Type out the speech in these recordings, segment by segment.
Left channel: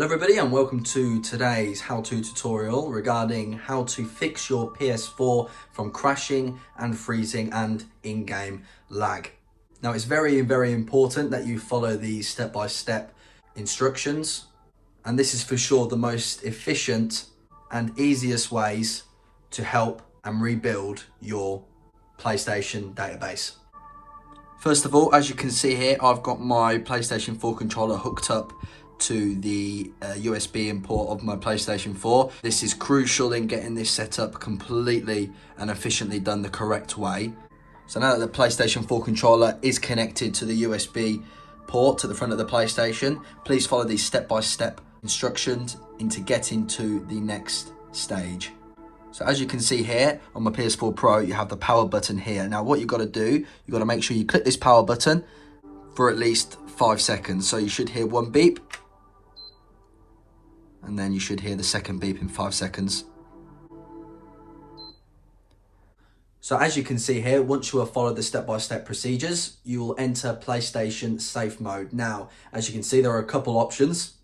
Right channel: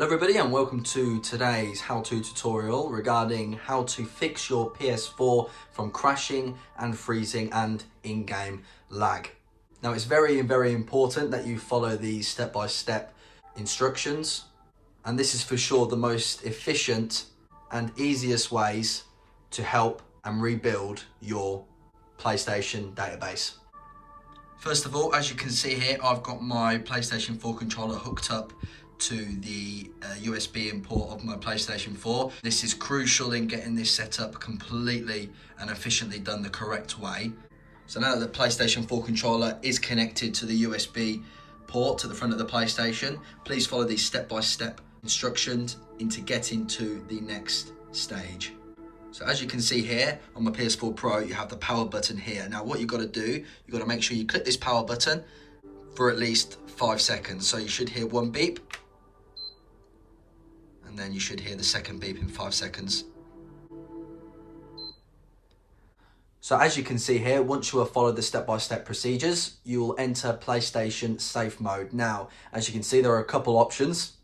Hello everybody and welcome to today's how-to tutorial regarding how to fix your PS4 from crashing and freezing and in-game lag. Now it's very important that you follow these step-by-step instructions, and this is for sure the most efficient and easiest ways to help and rebuild your PlayStation database. First of all, as you can see here, I've got my PlayStation 4 controller hooked up to the USB import of my PlayStation 4. This is crucial in getting this set up completely and efficiently done the correct way. So now that the PlayStation 4 controller is connected to the USB port to the front of the PlayStation, please follow these step-by-step instructions into getting to the next stage. So as you can see here on my PS4 Pro, you have the power button here. Now what you've got to do, you've got to make sure you click this power button for at least 5 seconds. So you should hear one beep, and then you should hear the second beep in 5 seconds. So as you can see here, once you have followed the step-by-step procedures, you will enter PlayStation safe mode. Now, as you can see, there are a couple options,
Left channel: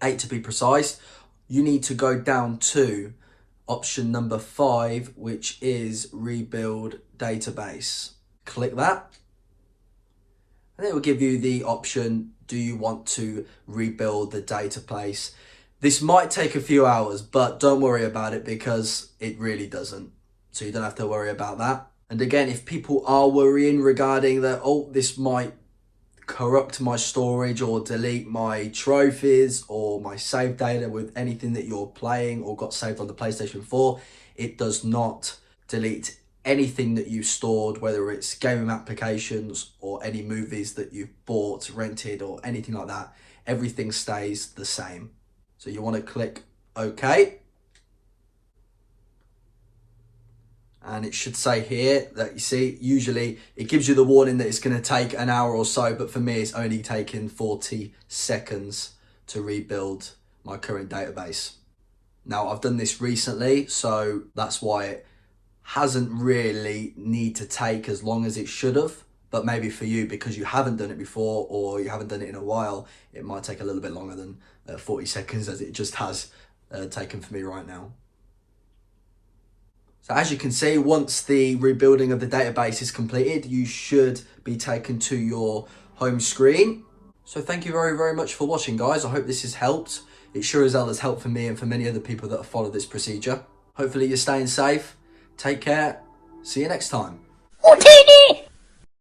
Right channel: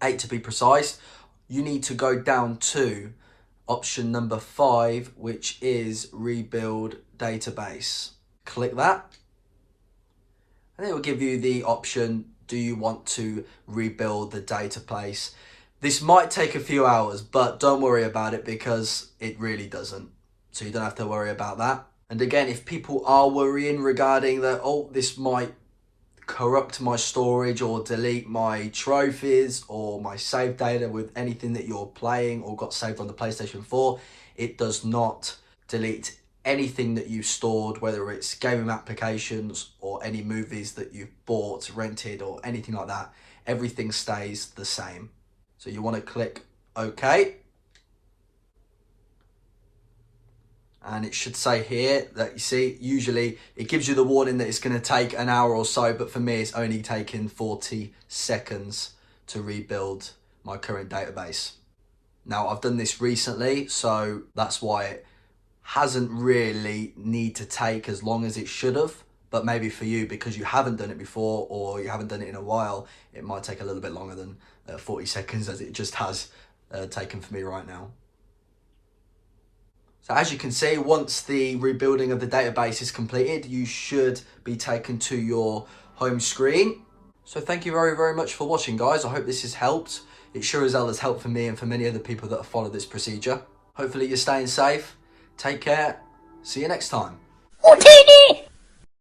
8 to be precise. You need to go down to option number 5, which is rebuild database. Click that, and it will give you the option, do you want to rebuild the database? This might take a few hours, but don't worry about it because it really doesn't. So you don't have to worry about that. And again, if people are worrying regarding that, oh, this might corrupt my storage or delete my trophies or my save data with anything that you're playing or got saved on the PlayStation 4, it does not delete anything that you stored, whether it's gaming applications or any movies that you've bought, rented, or anything like that. Everything stays the same. So you want to click OK. And it should say here that, you see, usually it gives you the warning that it's going to take an hour or so, but for me it's only taken 40 seconds to rebuild my current database. Now I've done this recently, so that's why it hasn't really need to take as long as it should have, but maybe for you, because you haven't done it before or you haven't done it in a while, it might take a little bit longer than 40 seconds as it just has taken for me right now. So as you can see, once the rebuilding of the database is completed, you should be taken to your home screen. So thank you very much for watching, guys. I hope this has helped. It sure as hell has helped for me and for many other people that have followed this procedure. Hopefully you're staying safe. Take care. See you next time. 14